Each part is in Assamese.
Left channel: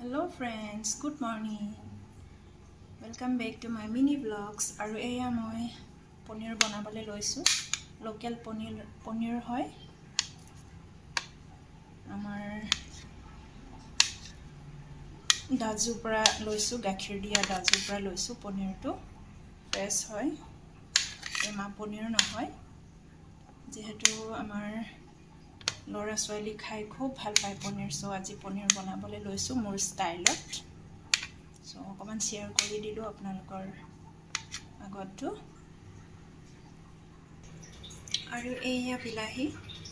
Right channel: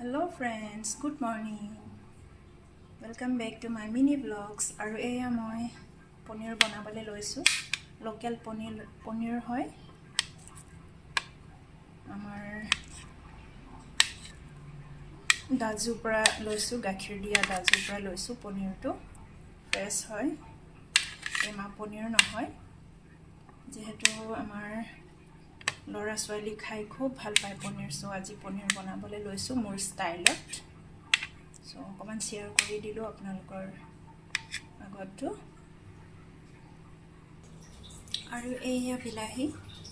Hello friends, good morning. Welcome back to my mini vlogs. Aru eya moi panir banabale loisu. Local panir hoy. Amar daju pra loisu, gakhir dia daju pra loisu panir to. Fresh hoy. Ema panir nohoy. Jehetu amar Lora swali khai khub bhal pai panir, so aji panir banabale loisu mor style ot. So অকমান শেয়ার কৰি দিলো আপোনালোকৰ আগতো আৰু এইয়া বিলাহী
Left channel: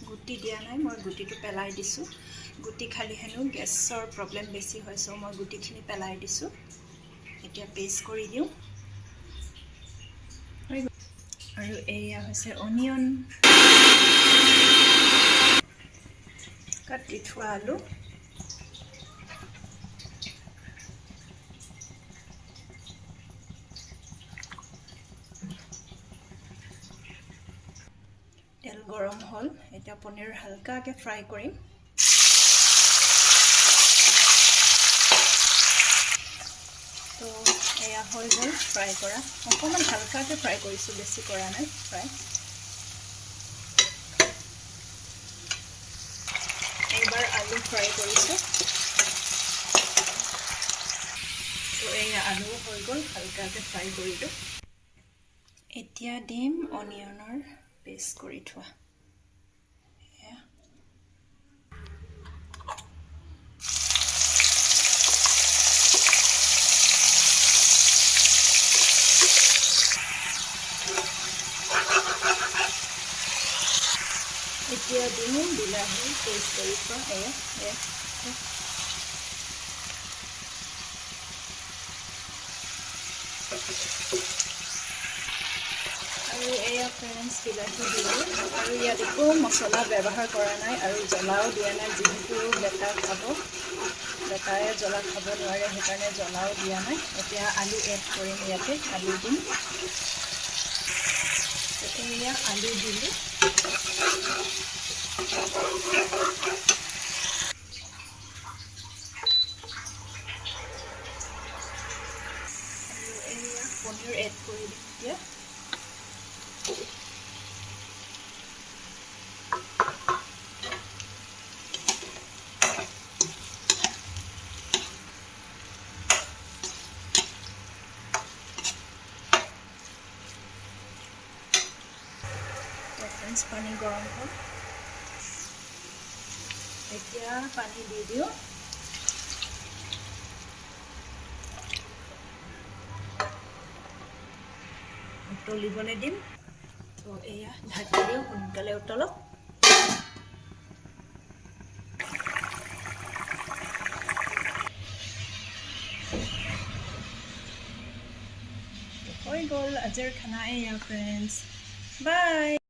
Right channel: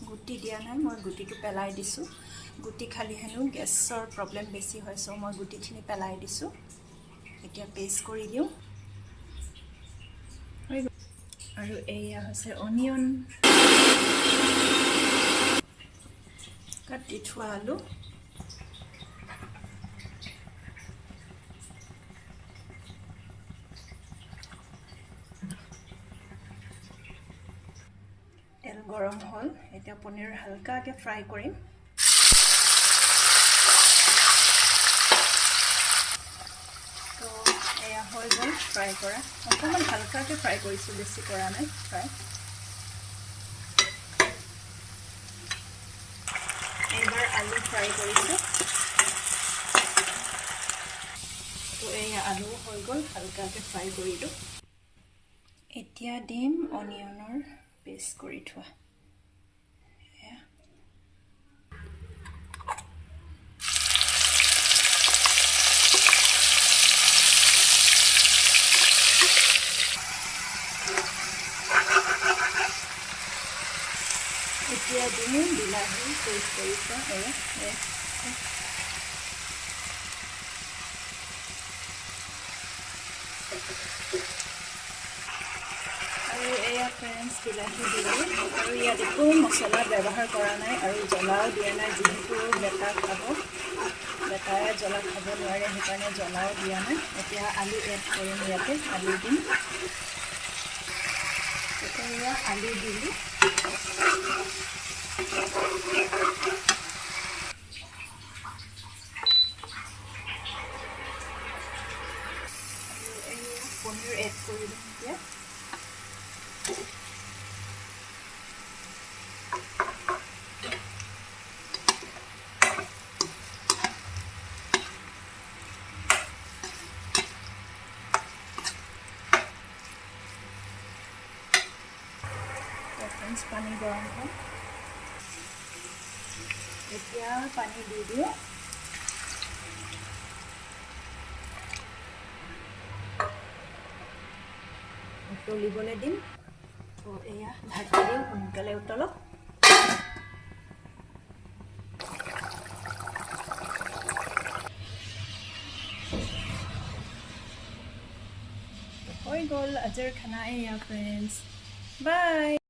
গুটি দিয়া নাই, মই গুটিটো পেলাই দিছো। গুটি খালি হেনো গেছৰ প্ৰবলেম বেছি হয়, সো মই গুটিখিনি পেলাই দিছো। এতিয়া পেষ্ট কৰি দিও। আৰু এইয়া হৈছে অনিয়ন, কাটি থোৱা আলু, তেল গৰম হল। এটা পনিৰ হালকাকে ফ্ৰাই কৰিম। তো এয়া হৈ গল ফ্ৰাই কৰা। অকমান হালকাকে ফ্ৰাই কৰিছো, বেছি কৰা নাই ফ্ৰাই। এবাৰ আলু ফ্ৰাই কৰিছো। তো এয়া আলু হৈ গল, হালকাকে ফ্ৰাই কৰিলো। এতিয়া দিম অনিয়নৰ পেষ্ট কৰি থোৱা। এতিয়া দিম বিলাহী পেষ্ট কৰি থোৱা। আৰু এয়া ফ্ৰেণ্ডছ বিলাহী দিলো। আৰু ইয়াত একো মছলা ব্যৱহাৰ কৰা নাই আৰু জ্বলাও দিয়া নাই, যিহেতু বেটা খাব, বেটায়ে জ্বলা খাব নোৱাৰে, সেইকাৰণে জ্বলাও দিয়া নাই। এতিয়া আলু এড কৰিম। ইয়াতে আলু দিম। এতিয়া আলু দিলো। পনিৰ এড কৰি দিম এতিয়া। পানী গৰম হ'ল, এতিয়া পানী দি দিওঁ। উতলিবলৈ দিম। তো এয়া ঢাকি দিওঁ, সোনকালে উতলক। হৈ গ'ল আজিৰ খানা। এয়া ফ্ৰেণ্ডছ, বাই।